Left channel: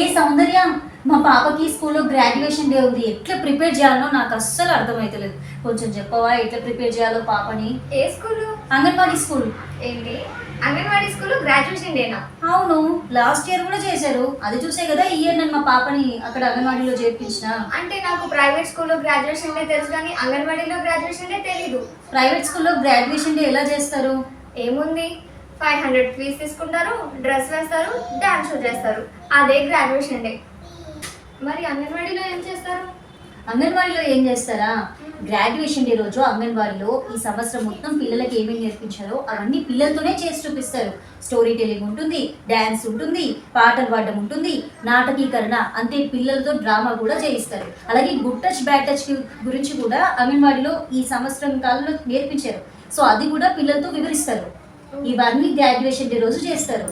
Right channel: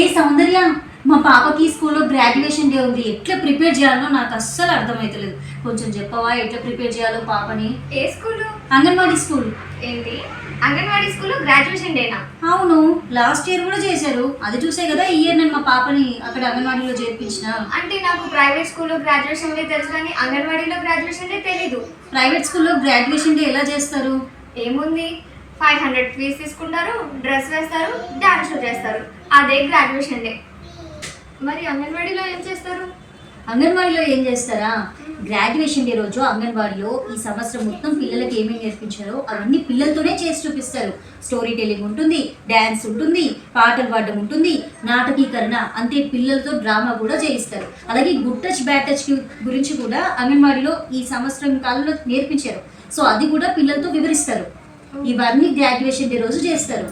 ఏ సౌందర్య, మా పాపకి స్కూల్లో గ్రాడ్యుయేషన్ డే ఉంది, ఎట్లా ప్రిపేర్ చేయాలో నాకు అస్సలు అర్థమవుతలేదు. కొంచెం చెప్పవా ఎట్లా ప్రిపేర్ చేయాలో పాపని? ఏ స్కూలు? అంగన్వాడీ స్కూల్. ఏంటి అంగన్వాడీ స్కూల్లో గ్రాడ్యుయేషన్ డేనా? అవును, లాస్ట్ ఇయర్ కూడా చేశారు. అది చూసే కదా ఈ ఇయర్ నేను మా పాపని అక్కడ అంగన్వాడీలో చేర్పించిన. అంటే నాకు ప్రైవేట్ స్కూల్లో గ్రాడ్యుయేషన్ డే తెలుసు కానీ అంగన్వాడీలో గ్రాడ్యుయేషన్ డే తెలీదు. ప్రైవేట్ స్కూల్లో గ్రాడ్యుయేషన్ డే ఎలా చేస్తారు? ఏముంది, 500 ఫీజు తీసుకుంటారు, డ్రెస్ వేస్తారు, డాన్స్ షో చేస్తారు, అదే గ్రాడ్యుయేషన్ డే. మరి అంగన్వాడీలో ఏం చేస్తారు? అంగన్వాడీలో ఏం చేస్తారా? గ్రాడ్యుయేషన్ డే రోజు అంగన్వాడీలో ఈ సంవత్సరం మొత్తం పిల్లలకి ఏమేమి నేర్పించారో అవన్నీ పిల్లలతోనే చేసి చూపిస్తారు. స్టోరీ టెల్లింగ్ ఉంటుంది, డ్యాన్స్ ఉంటుంది, పాటలు పాడడం ఉంటుంది, నాటకీకరణ, అంతే పిల్లలతో డ్రామా కూడా చేయిస్తారు. అలాగే గుడ్ టచ్ బ్యాడ్ టచ్ గురించి కూడా అంగన్వాడీలో ఈ సంవత్సరం కాలంలో నేర్పించారు. సో అది కూడా పిల్లలతో వివరిస్తారు. ఇవన్నీ గ్రాడ్యుయేషన్ డే రోజు చేస్తారు.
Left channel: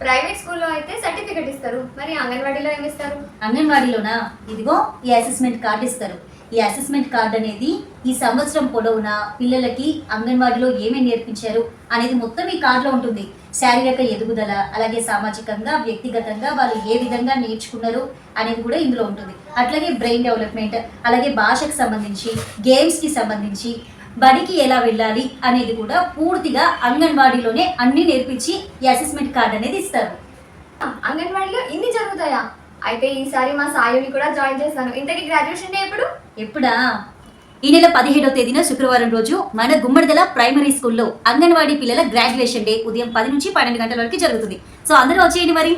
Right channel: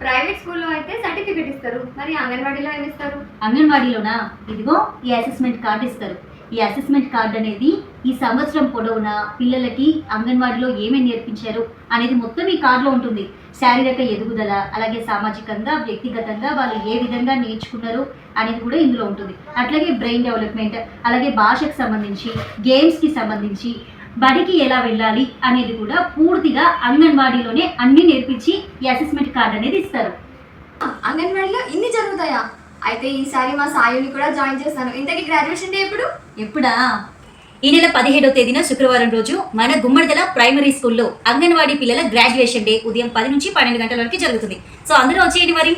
ప్రైవేట్ స్కూల్లో అయితే సర్టిఫికెట్ ఇస్తారు, మరి అంగన్వాడీలో ఏమి ఇస్తారు? అంగన్వాడీలోనా, ఇదిగో ఈ అసెస్మెంట్ కార్డు ఇస్తారు. ఈ అసెస్మెంట్ కార్డు అనేది ఈ సంవత్సరం పొడవునా పిల్లలకి అంగన్వాడీలో ఏమేమి నేర్పించారు అనేది మొత్తం ఈ కార్డులో ఉంటుంది. శారీరక ఎదుగుదల, అలాగే సామాజికంగా వ్యక్తిగతంగా వాళ్ళు ఏ విధంగా నేర్చుకున్నారు అనేది కూడా ఇందులో ఉంటుంది. అట్లాగే బ్రెయిన్ డెవలప్మెంట్, అలాగే భాషకు సంబంధించి, గేమ్స్కి సంబంధించి, బడికి ఎలా వెళ్ళాలి అనేది కూడా పూర్తిగా అంగన్వాడీలోనే అన్ని నేర్పించి ఈ అసెస్మెంట్ కార్డ్ అనేది ఇస్తారు. అంగన్వాడీలో ఇన్ని జరుగుతాయా? అయితే ఈసారి మా సాయుని కూడా జాయిన్ చేస్తాను. ఇంతకీ గ్రాడ్యుయేషన్ డే ఎప్పుడు? ఎప్పుడా? ఈ నెల 17వ తేదీన శుక్రవారం రోజు మన గుమ్మడిదల ప్రైమరీ స్కూల్లో అంగన్వాడీ పిల్లల గ్రాడ్యుయేషన్ డే ఉదయం 10 నుంచి 12 గంటల వరకు జరుగుతుంది. సో అందరూ వచ్చేయండి మరి.